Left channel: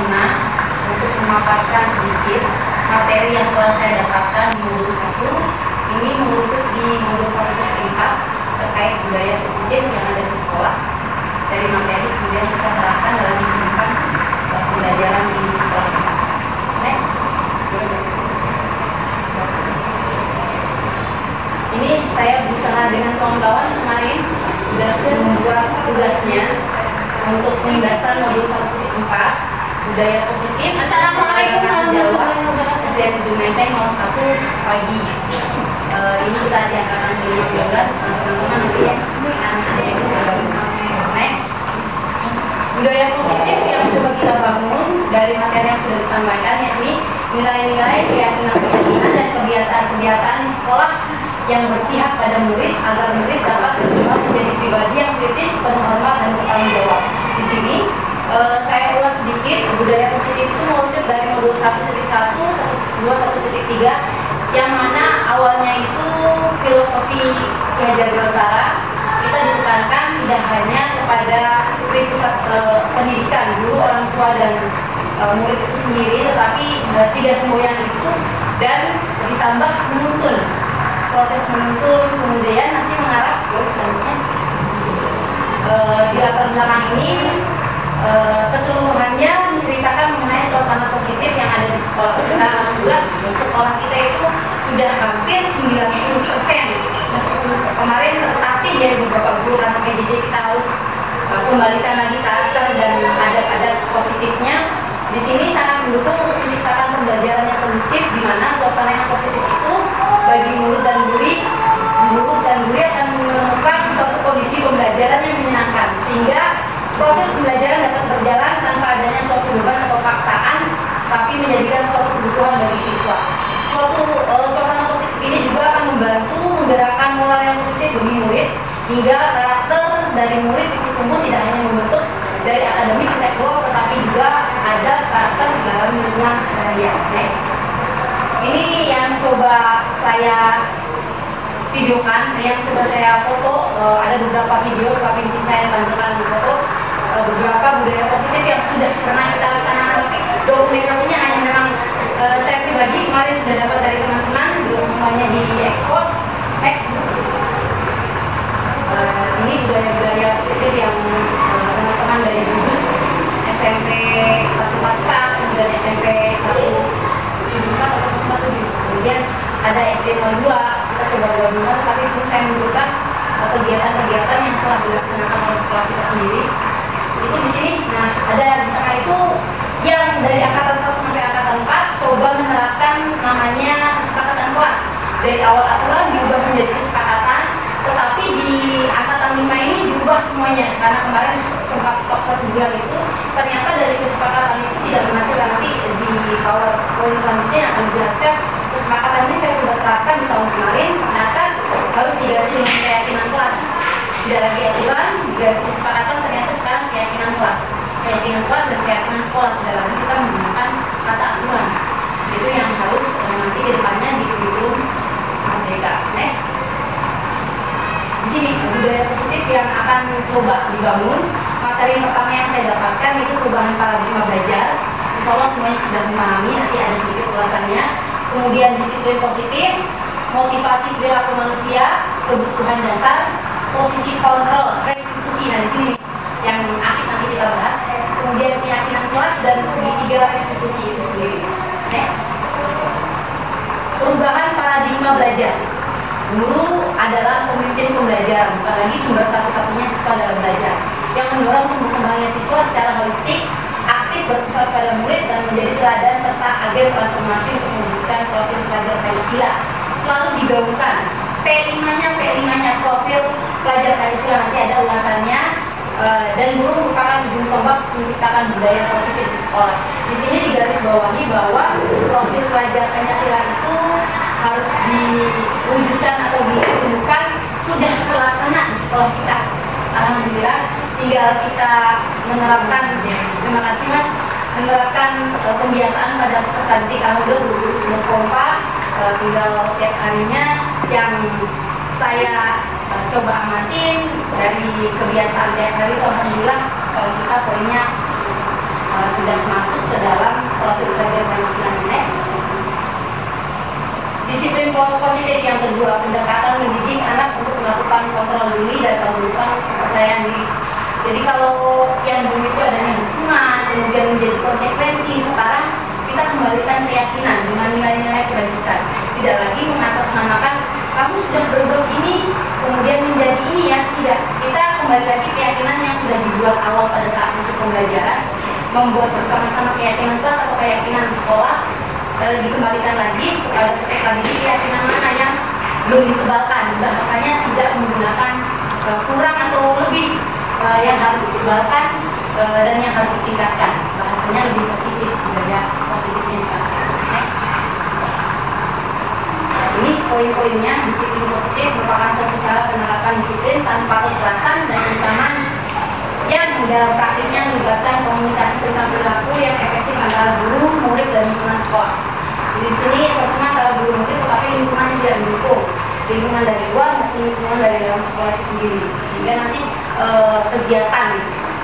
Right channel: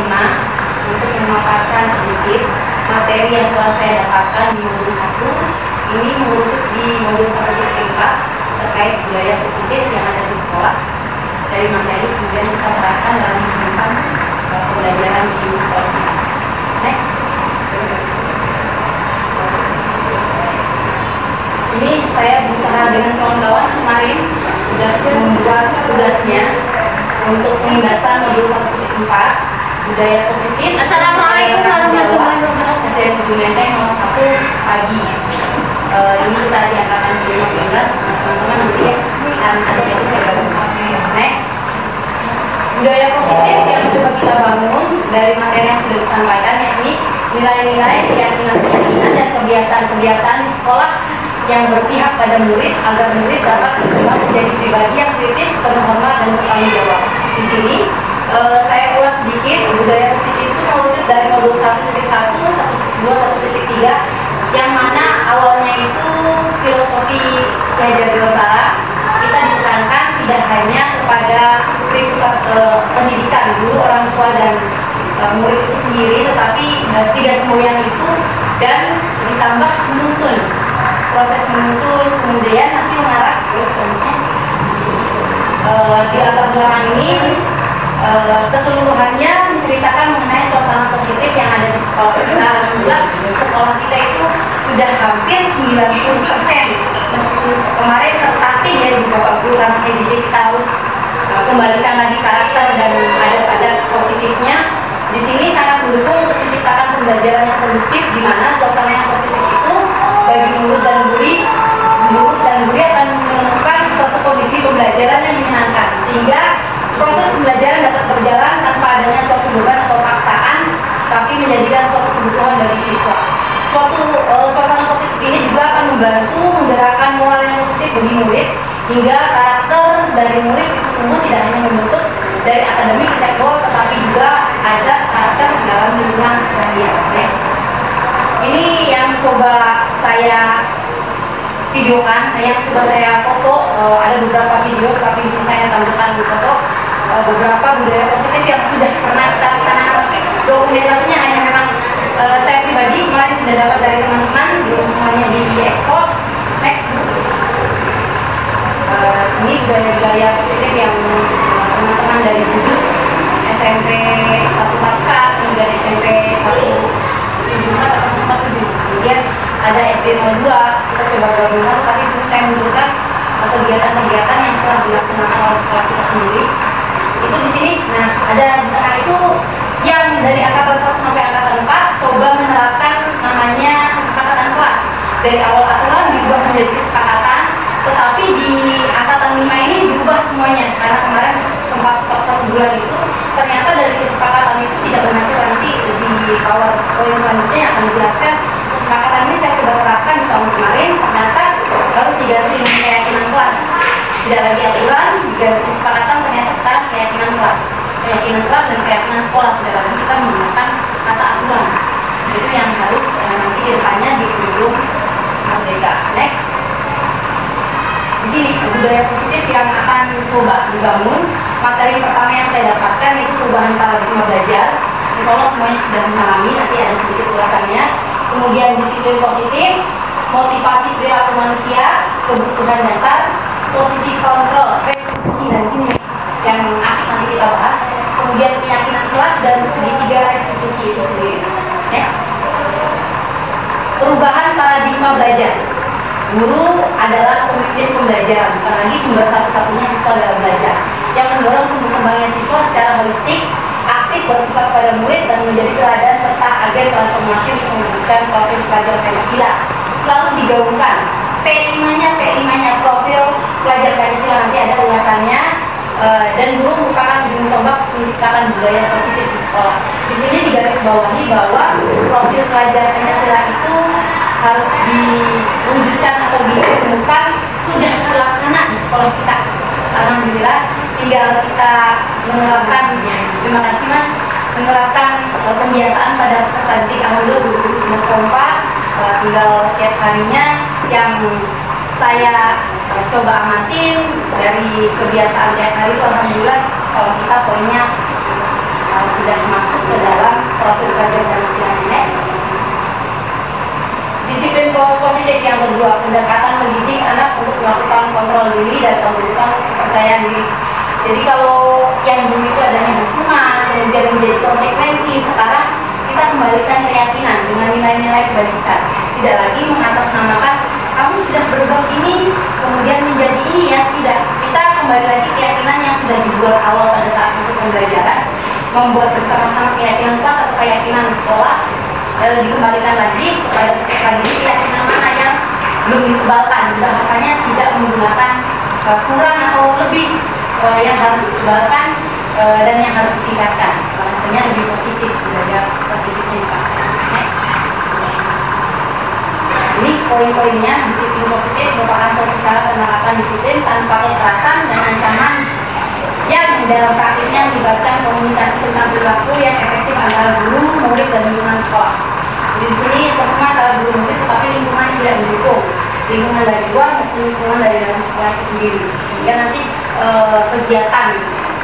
Bima untuk memaparkan sedikit materi yang telah saya dapatkan di modul 1. Ini merujuk di modul 1.4 terkait budaya positif yang ada di sekolah. Dari materi kemudian kita terapkan dalam kehidupan pembelajaran di sekolah kita. Next. Ini saya berusaha dengan kawan-kawan kemarin sudah membuat tugasnya untuk pembahasan modul 1.4 budaya positif. Assalamualaikum warahmatullahi wabarakatuh. SDN 7 Menteng 01 pagi. Ini kita di angkatan 15, teman-teman nanti akan ada yang bergabung. Next. Budaya positif yang coba kita bangun dari materi yang sudah disampaikan, yakni nilai-nilai, keyakinan-keyakinan dan kebiasaan-kebiasaan di sekolah yang berpihak pada murid agar murid dapat berkembang menjadi pribadi yang kritis, penuh hormat dan bertanggung jawab. Di sini saya ulas sedikit budaya positif itu merujuk dari modul 1.1, 1.2, 1.3 yang mana awalnya itu filosofi belajar Biontara kita ditekankan tidak hanya kepada pusat pendidikan dulu orang tua dan murid itu sendiri, tetapi tidak semboyan itu dan ditambah menuntun, proses menuntun kemudian nanti mengarah ke selanjutnya di latar belakang ini keseluruhannya menceritakan mengenai suasana positif yang ada di sekolah kita. Alhamdulillah sekolah kita itu sudah hampir 90%, meskipun kemarin tertatih ya beberapa guru karena jadi kita harus kembalikan lagi karakter dan ada positifnya. Di sini sangat mendukung untuk menciptakan pembelajaran yang kondusif, di mana suasana yang positif itu bagi murid dan guru akan menemukan suatu kondisi pembelajaran yang menyenangkan, sehingga proses pembelajaran dapat berjalan tanpa adanya suatu beban atau paksaan, tapi menjadikan suatu kebutuhan bagi siswa. Suasana positif ini juga akan membantu menggerakkan moral yang positif bagi murid, hingga karakter dari murid itu tumbuh tidak hanya membentuk dari akademik intelektual, tetapi juga ada karakter dalam lingkungan keseharian. Next. Ini yang coba saya videokan, yang coba saya foto, ada beberapa video, tapi di sini saya tampilkan di foto beberapa budaya positif yang sudah pernah kita laksanakan, tapi dokumentasinya hanya memang saya pribadi kemarin sudah dapat dari teman-teman, belum semuanya di expose. Next. Ini budaya-budaya positif yang teman-teman dari Kudus SMP 144, kemudian SMP 174 atau 147, kemudian ada SD 02, kita coba gabungkan, tapi saya menunjukkan kegiatan-kegiatan yang telah dilaksanakan oleh sekolah kita sendiri. Itu di sini. Nah, ada di tengah itu yang dari angkatan 1 sampai angkatan 4 coba menerapkan namanya kesepakatan kelas. Dari awal aturan diubah menjadi kesepakatan, tetapi di angkatan 5 ini diubah semuanya karena kemarin sempat stop 1 bulan itu. Ternyata dari kesepakatan itu tidak berhasil. Nanti di PowerPoint selanjutnya yang akan menjelaskan kesepakatan ini saya coba terapkan di tahun kemarin. Ternyata baru diganti dengan keyakinan kelas. Tidak lagi aturan, diganti kesepakatan, ternyata sekarang keyakinan kelas. Keyakinan kelas dan keyakinan sekolah, tidak lagi kita menggunakan kata aturan. Itu yang harus nanti ke depannya di kurikulum Merdeka. Next. Di sini budaya positif yang akan coba dibangun. Materi pertama yang saya dapatkan itu perubahan paradigma belajar. Insya Allah semuanya sudah memahami, nanti ada sedikit ulasannya. Kemudian disiplin positif, motivasi perilaku manusia, kebutuhan dasar, posisi kontrol, restitusi, dan di sini yang asik nanti kita bahas. Kemudian keyakinan kelas dan segitiga restitusi itu sendiri. Next. Perubahan paradigma belajar. Guru adalah pemimpin pembelajaran, bukan lagi sumber satu-satunya siswa dalam belajar, yang mendorong perkembangan siswa secara holistik, aktif berpusat pada murid dan menjadi teladan serta agen transformasi untuk mewujudkan profil pelajar Pancasila. Selalu digaungkan P5-nya profil pelajar Pancasila, nanti ada ulasannya. Dan guru merupakan ujung tombak menciptakan budaya positif di sekolah. Di sini digarisbawahi bahwa profil pelajar Pancasila itu harus diwujudkan atau ditemukan sudah terlaksana di sekolah kita. Alhamdulillah, tinggal kita menerapkan, terima kasih Mas, menerapkan pembiasaan pada peserta didik. Alhamdulillah guru-guru sudah kompak, tinggal tiap harinya yang saya coba amatin dari kebiasaan tiap hari itu, alhamdulillah sekolah kita poinnya sudah masuk ke dalam profil kerja Pancasila. Next. Disiplin positif yang kedua, pendekatan mendidik anak untuk melakukan kontrol diri dan pembentukan kepercayaan diri. Jadi kalau yang dulu itu adanya hukuman, kemudian menjadi konsekuensi, sekarang kita kembalikan keyakinan dengan nilai-nilai kebajikan. Tidak lagi mengatasnamakan kamu sudah berbuat ini, kemudian menjadi ini ya. Tidak, kita kembali lagi keyakinan yang sudah dibuat awal pada saat masuk pembelajaran, membuat bersama-sama keyakinan kelas atau keyakinan sekolah, dikembalikan lagi kepada peserta didik keyakinan mana yang belum ditebalkan, bahasanya tidak menggunakan kurang atau lebih, yang harus ditebalkan dan yang harus ditingkatkan, bahasanya lebih positif, belajar positifnya dipakai. Next. Ini poin-poinnya. Disiplin positif merupakan suatu cara penerapan disiplin tanpa kekerasan dan ancaman yang dalam praktiknya melibatkan komunikasi tentang perilaku yang efektif antara guru, murid, dan lingkungan sekolah. Jadi di sini tercuma antara guru murid, tetapi lingkungan yang tidak mendukung, lingkungan dari luar maupun lingkungan dari dalam sekolah itu sendiri, sehingga nanti kegiatan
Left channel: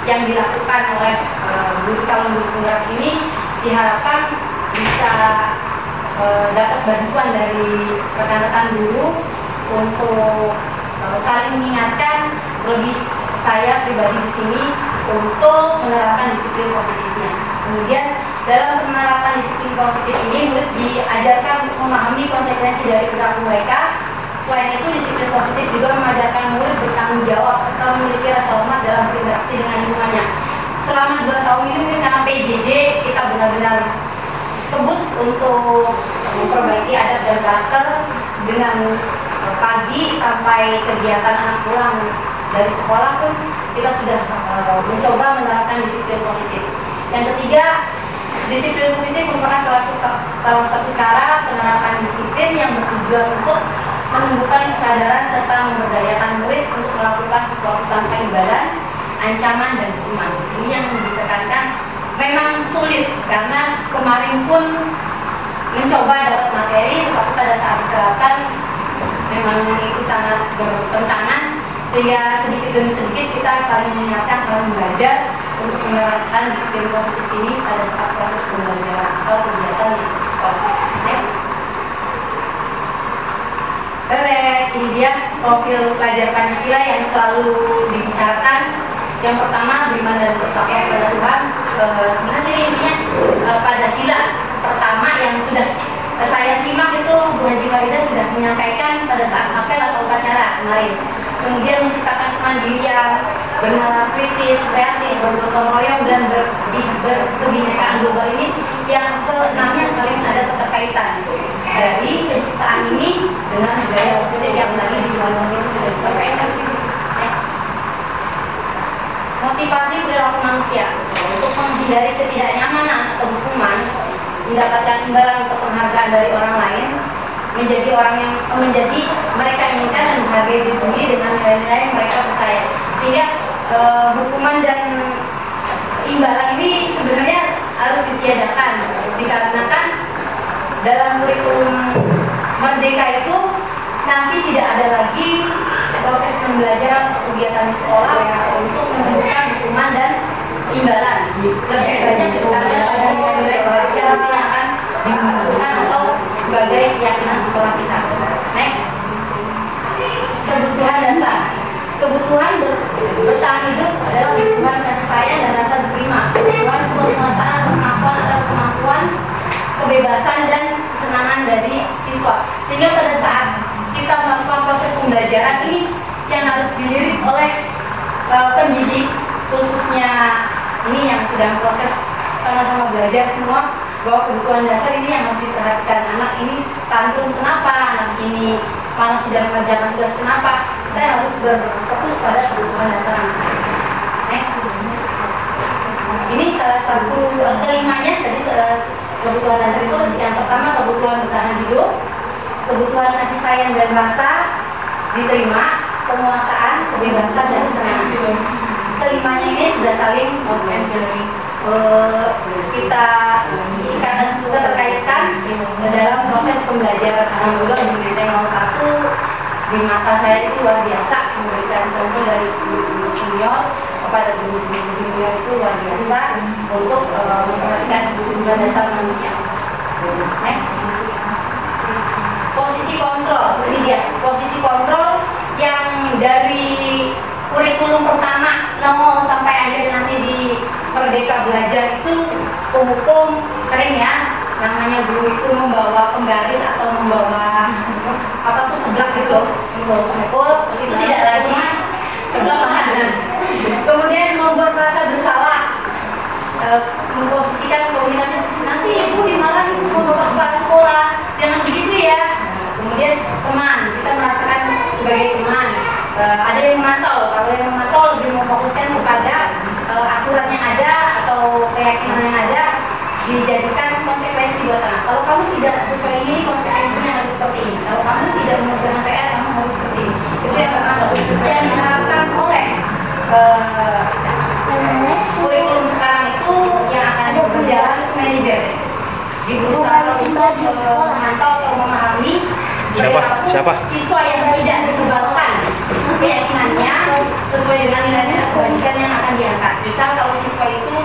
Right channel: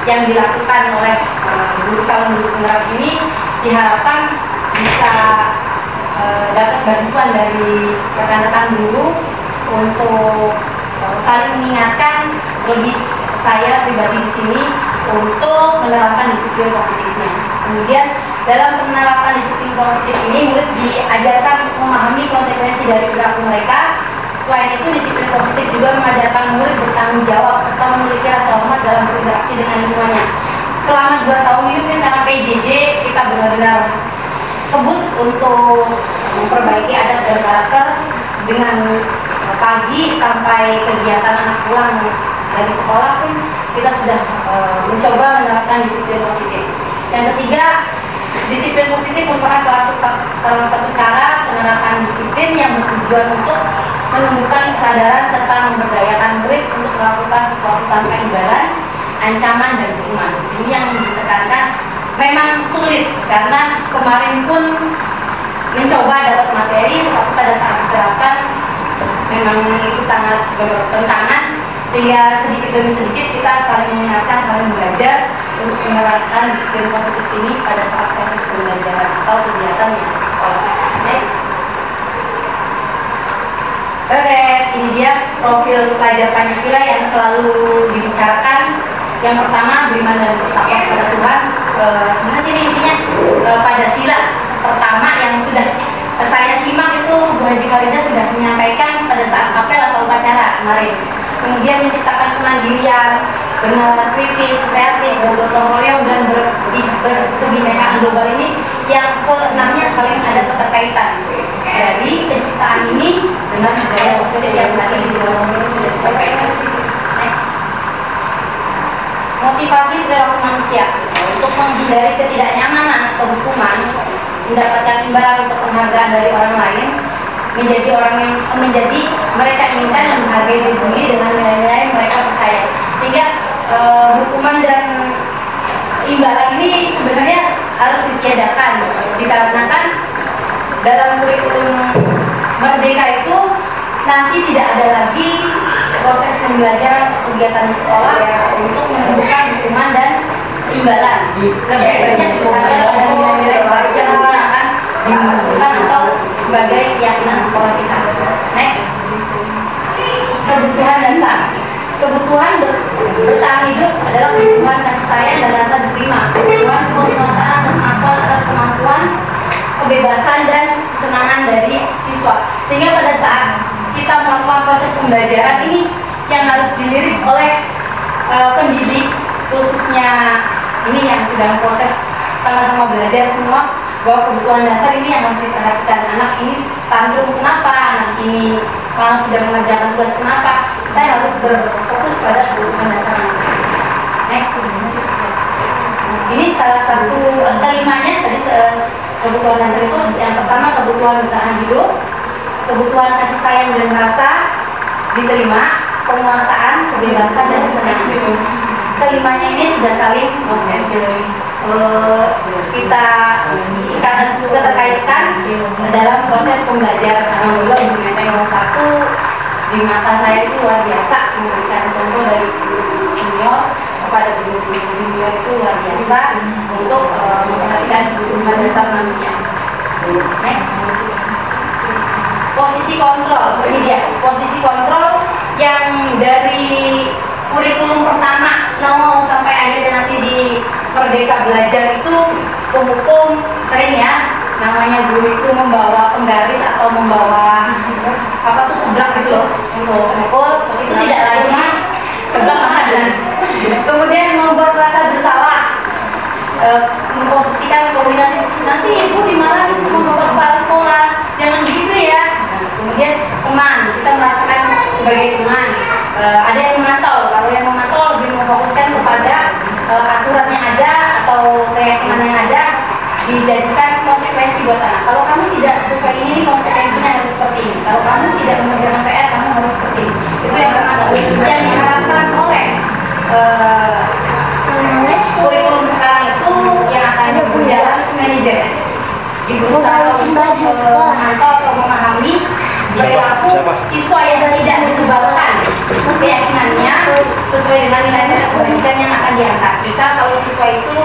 yang dilakukan oleh guru calon guru penggerak ini diharapkan bisa dapat bantuan dari rekan-rekan guru untuk saling mengingatkan, lebih saya pribadi di sini untuk menerapkan disiplin positifnya. Kemudian dalam penerapan disiplin positif ini murid diajarkan memahami konsekuensi dari perilaku mereka. Selain itu, disiplin positif juga mengajarkan murid bertanggung jawab serta memiliki rasa hormat dalam berinteraksi dengan lingkungannya. Selama 2 tahun ini karena PJJ kita benar-benar kebut untuk memperbaiki adat dan karakter dengan pagi sampai kegiatan anak pulang dari sekolah pun kita sudah mencoba menerapkan disiplin positif. Yang ketiga, disiplin positif merupakan salah satu cara penerapan disiplin yang bertujuan untuk menumbuhkan kesadaran serta memberdayakan murid untuk melakukan sesuatu tanpa imbalan, ancaman, dan hukuman. Ini yang ditekankan memang sulit karena kemarin pun mencoba dapat materi, tetapi pada saat diterapkan memang itu sangat bertentangan, sehingga sedikit demi sedikit kita saling mengingatkan, saling belajar untuk menerapkan disiplin positif ini pada saat proses pembelajaran atau kegiatan yang di sekolah. Next. Oke, ini dia profil pelajar Pancasila yang selalu dibicarakan. Yang pertama, beriman dan bertakwa kepada Tuhan. Sebenarnya sini intinya pada sila pertama yang sudah saya simak itu Bu Haji Farida sudah menyampaikan pada saat apel atau upacara kemarin. Kemudian menciptakan kemandirian, benar kritis, kreatif, bergotong royong, dan berkebinekaan global ini. Yang keenamnya saling ada keterkaitan dari penciptaan ini dengan budaya positif yang tadi di sini sudah disampaikan. Next. Motivasi perilaku manusia untuk menghindari ketidaknyamanan atau hukuman, mendapatkan imbalan untuk penghargaan dari orang lain, menjadi orang yang mereka inginkan dan menghargai diri sendiri dengan nilai-nilai yang mereka percaya. Sehingga hukuman dan imbalan ini sebenarnya harus ditiadakan, dikarenakan dalam kurikulum Merdeka itu nanti tidak ada lagi proses pembelajaran kegiatan di sekolah untuk menentukan hukuman dan imbalan. Lebih banyak ditekankan pada nilai-nilai baik yang nanti akan dimunculkan atau sebagai keyakinan sekolah kita. Next. Kebutuhan dasar. Kebutuhan bertahan hidup adalah kebutuhan kasih sayang dan rasa diterima, kebutuhan penguasaan kemampuan atas kemampuan, kebebasan dan kesenangan dari siswa. Sehingga pada saat kita melakukan proses pembelajaran ini yang harus dilirik oleh pendidik, khususnya ini yang sedang proses sama-sama belajar semua, bahwa kebutuhan dasar ini yang harus diperhatikan. Anak ini tantrum kenapa, anak ini malah sedang mengerjakan tugas kenapa, kita harus berfokus pada kebutuhan dasar anak. Next. Ini salah satu kelimanya tadi, kebutuhan dasar itu yang pertama kebutuhan bertahan hidup, kebutuhan kasih sayang dan rasa diterima, penguasaan, kebebasan, dan kesenangan. Kelimanya ini sudah saling kita terkaitkan dalam proses pembelajaran. Alhamdulillah yang satu di mata saya itu luar biasa, memberikan contoh dari guru senior kepada guru-guru junior itu luar biasa untuk memperhatikan kebutuhan dasar manusia. Next. Posisi kontrol, ini dia posisi kontrol yang dari kurikulum pertama nol sampai akhir nanti di Merdeka Belajar itu penghukum sering ya, namanya guru itu membawa penggaris atau membawa apa tuh seblak gitu loh untuk memukul, itu tidak lagi seblak dan kemudian membuat rasa bersalah, memposisikan komunikasi nanti ibu dimarahin sama kepala sekolah, jangan begitu ya. Kemudian teman, kita merasakan sebagai teman, ada yang memantau. Kalau yang memantau lebih memfokuskan kepada aturan yang ada atau keyakinan yang ada, dijadikan konsekuensi buat anak. Kalau kamu tidak sesuai ini, konsekuensinya harus seperti ini. Kalau kamu tidak mengerjakan PR, kamu harus seperti ini. Itu yang memantau. Yang diharapkan oleh kurikulum sekarang itu yang akan berjalan itu manajer. Berusaha untuk memantau atau memahami perilaku siswa yang tidak ditubalkan keyakinannya sesuai dengan nilai-nilai kebajikan yang akan diangkat. Misal kalau siswa itu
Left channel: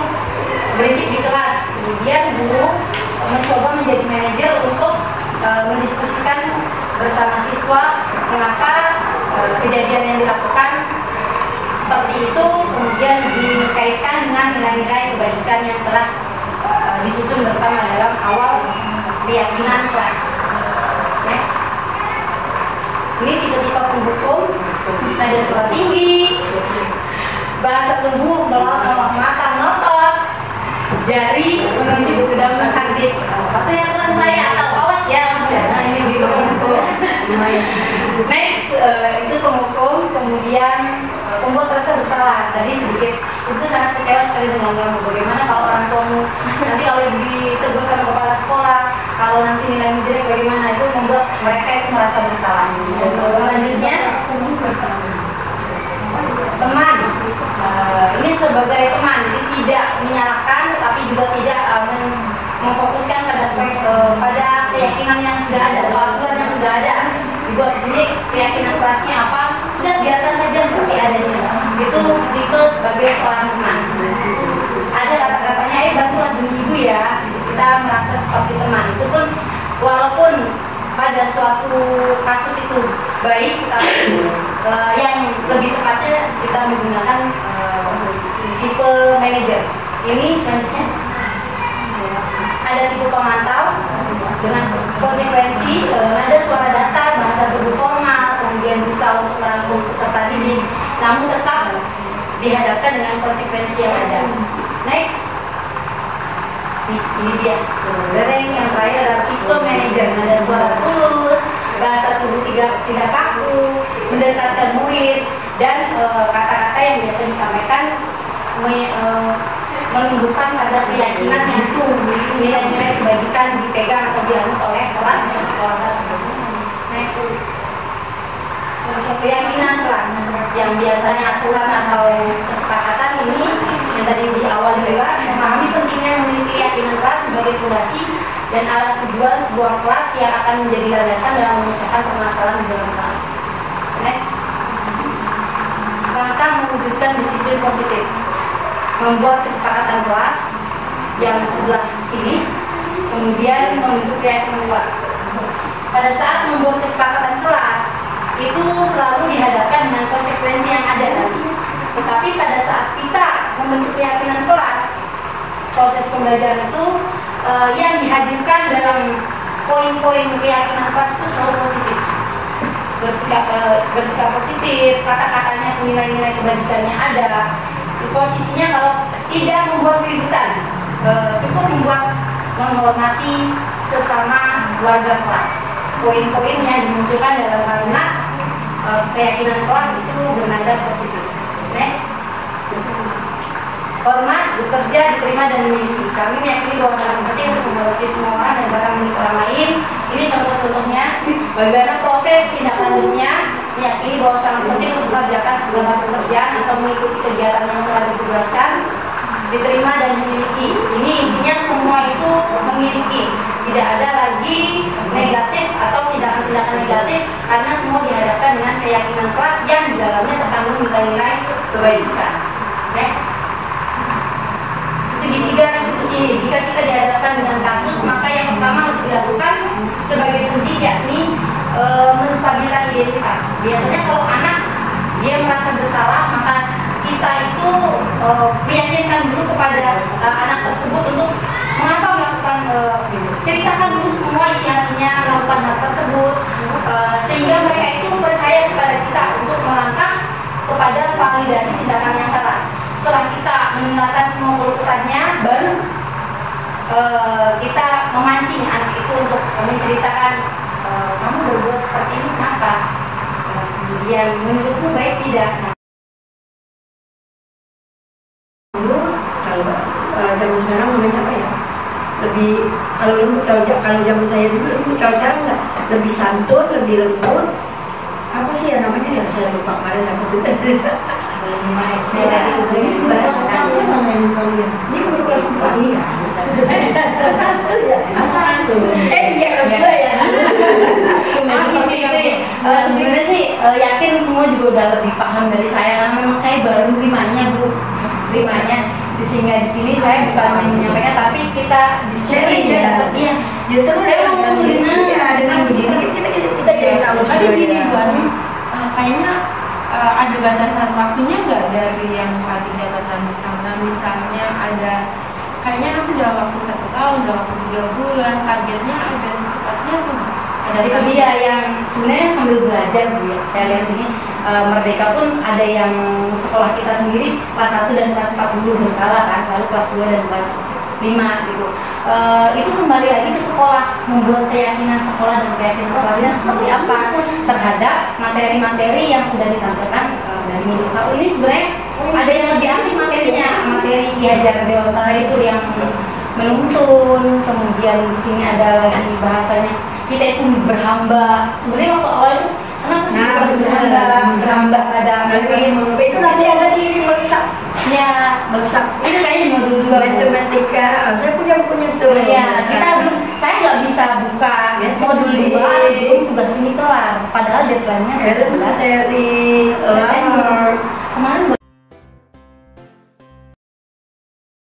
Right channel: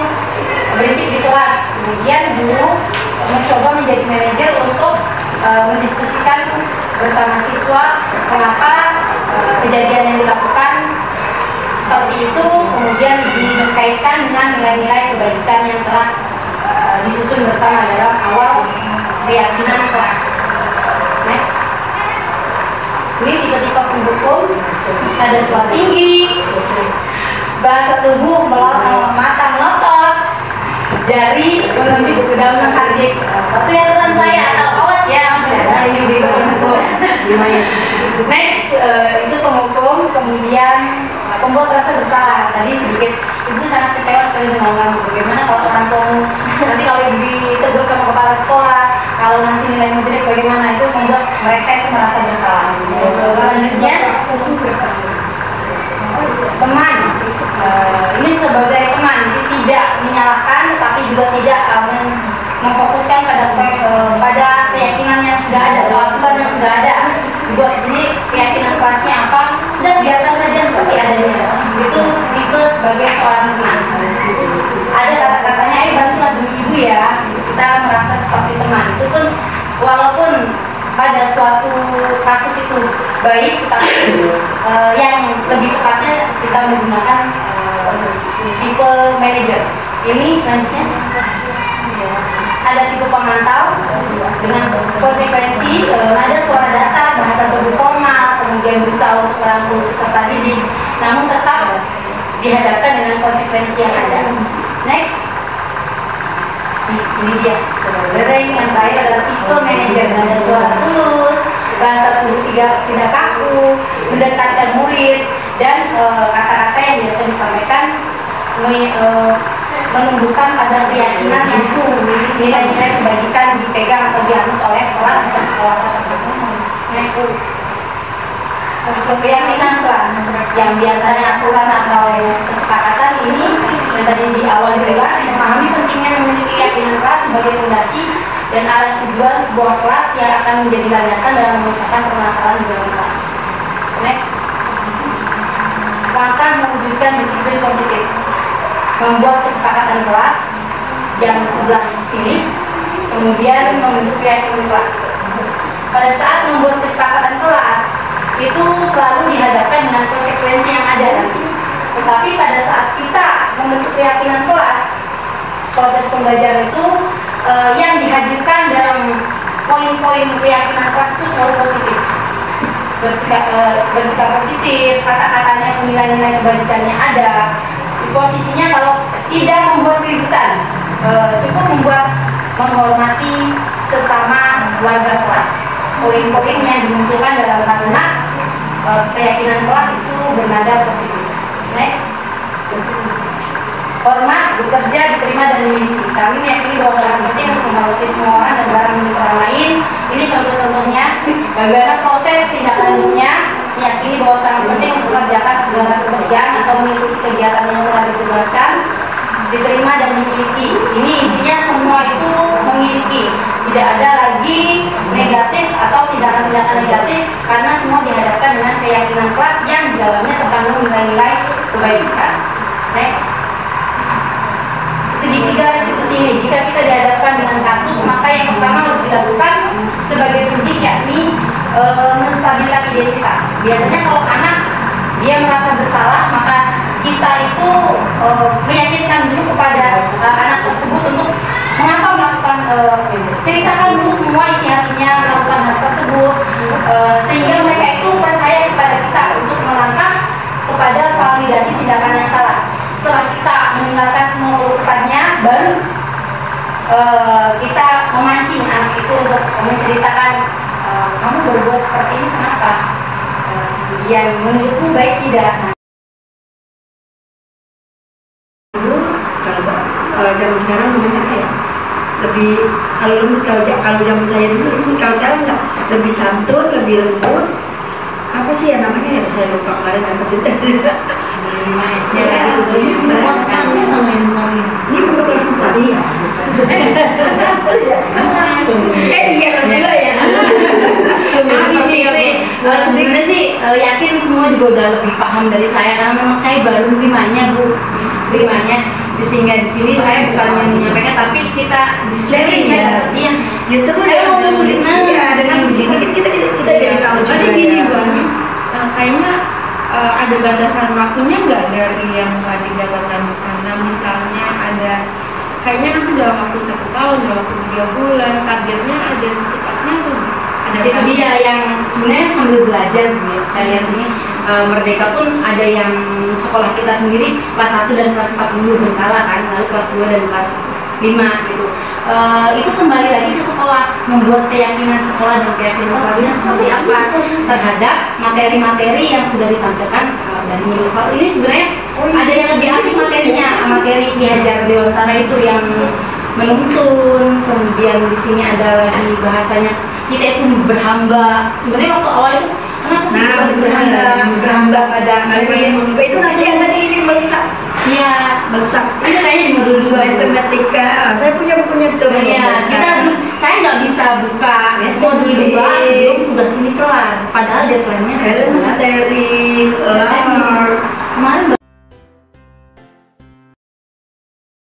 berisik di kelas, kemudian guru mencoba menjadi manajer untuk mendiskusikan bersama siswa mengapa kejadian yang dilakukan seperti itu, kemudian dikaitkan dengan nilai-nilai kebajikan yang telah disusun bersama dalam awal keyakinan kelas. Next. Ini tipe-tipe penghukum, ada suara tinggi, bahasa tubuh mata melotot, jari menunjuk ke dalam hati. Waktu yang teman saya atau awas ya, nah ini tipe penghukum. Next, itu penghukum, kemudian pembuat rasa bersalah. Tadi sedikit ibu sangat kecewa sekali dengan kamu. Bagaimana kalau orang tuamu nanti kalau ditegur sama kepala sekolah, kalau nanti nilaimu jelek bagaimana, itu membuat mereka itu merasa bersalah. Selanjutnya teman, ini sebagai teman, jadi tidak menyalahkan tapi juga tidak memfokuskan pada keyakinan yang sudah ada atau aturan yang sudah ada. Dibuat di sini keyakinan kelasnya apa, sudah biarkan saja seperti adanya. Itu tipe sebagai seorang teman. Ada kata-katanya, bantulah demi ibu ya. Kita merasa seperti teman. Itu pun walaupun pada suatu kasus itu baik, tapi yang lebih tepatnya kita menggunakan tipe manajer. Ini selanjutnya ada tipe pemantau dengan konsekuensi nada suara data, bahasa tubuh formal, kemudian berusaha untuk merangkul peserta didik, namun tetap dihadapkan dengan konsekuensi yang ada. Next. Ini dia dereng yang saya adalah tipe manajer, nada suara tulus, bahasa tubuh tidak kaku, mendekatkan murid, dan kata-kata yang biasa disampaikan menunjukkan pada keyakinan yang nilai-nilai kebajikan dipegang atau dianut oleh kelas atau sekolah tersebut. Next. Keyakinan kelas yang biasanya aturan atau kesepakatan ini yang tadi di awal dibahas, memahami pentingnya memiliki keyakinan kelas sebagai fondasi dan alat tujuan sebuah kelas yang akan menjadi landasan dalam menyelesaikan permasalahan di dalam kelas. Next. Langkah mewujudkan disiplin positif, membuat kesepakatan kelas yang sebelah sini, kemudian membentuk keyakinan kelas. Pada saat membuat kesepakatan kelas, itu selalu dihadapkan dengan konsekuensi yang ada nanti. Tetapi pada saat kita membentuk keyakinan kelas, proses pembelajaran itu yang dihadirkan dalam poin-poin keyakinan kelas itu selalu positif. Bersikap positif, kata-katanya nilai-nilai kebajikannya ada. Posisinya kalau tidak membuat keributan, cukup membuat menghormati sesama warga kelas. Poin-poin yang dimunculkan dalam kalimat keyakinan kelas itu bernada positif. Next. Hormat, bekerja, diterima, dan memiliki. Kami meyakini bahwa sangat penting untuk menghormati semua orang dan barang milik orang lain. Ini contoh-contohnya. Bagaimana proses tindak lanjutnya? Meyakini bahwa sangat penting untuk mengerjakan segala pekerjaan atau mengikuti kegiatan yang telah ditugaskan, diterima dan dimiliki. Ini intinya semua itu memiliki. Tidak ada lagi negatif atau tindakan-tindakan negatif karena semua dihadapkan dengan keyakinan kelas yang di dalamnya terkandung nilai-nilai kebajikan. Next. sebagai pendidik, yakni menstabilkan identitas. Biasanya kalau anak dia merasa bersalah, maka kita itu meyakinkan dulu kepada anak tersebut untuk mengapa melakukan, ceritakan dulu semua isi hatinya melakukan hal tersebut, sehingga mereka itu percaya kepada kita untuk melangkah kepada validasi tindakan yang salah. Setelah kita mendengarkan semua keluh kesahnya, baru kita memancing anak itu untuk menceritakan, kamu berbuat seperti ini kenapa? Kemudian menurutmu baik tidak? Kalau zaman sekarang namanya apa ya? Lebih kalau lembut, kalau zaman saya dulu lembut, kalau sekarang enggak, lebih santun, lebih lembut. Apa sih ya namanya ya, saya lupa kemarin apa itu. Ini untuk kelas 4 ya. Iya kelas 2 ya. Sebenarnya sih yakin semua juga udah lebih paham dari saya, karena memang saya baru terimanya Bu, sehingga di sini saya bisa menyampaikan, tapi kita diskusi ya, tapi yang Justru saya mau ngusulin dengan begini kita jadi tahu juga. Jadi gini Bu Ani, kayaknya ada batasan waktunya nggak dari yang telah didapatkan di sana? Misalnya ada, kayaknya nanti dalam waktu 1 tahun, dalam waktu 3 bulan, targetnya ada secepatnya tuh. Ada itu dia yang sebenarnya sambil belajar Bu ya. Saya lihat ini Merdeka pun ada yang sekolah kita sendiri kelas 1 dan kelas 4 dulu berkala kan, lalu kelas 2 dan kelas 5 gitu. Itu kembali lagi ke sekolah, membuat keyakinan sekolah dan keyakinan sekolahnya seperti apa terhadap materi-materi yang sudah ditampilkan dari minggu 1 ini. Sebenarnya ada yang lebih asik materinya, materi Ki Hajar Dewantara itu yang menuntun, kemudian di sini ada lagi bahasanya kita itu berhamba. Sebenarnya waktu awal itu kenapa sih harus berhamba pada itu nanti yang ini melesak. Ya, Melesak. itu kayaknya di modul 2 matematika. Saya punya bukunya tuh. Ya, saya nggak bisa buka modul 2 sebelum tugas ini kelar. Padahal deadline-nya materi September. Kemarin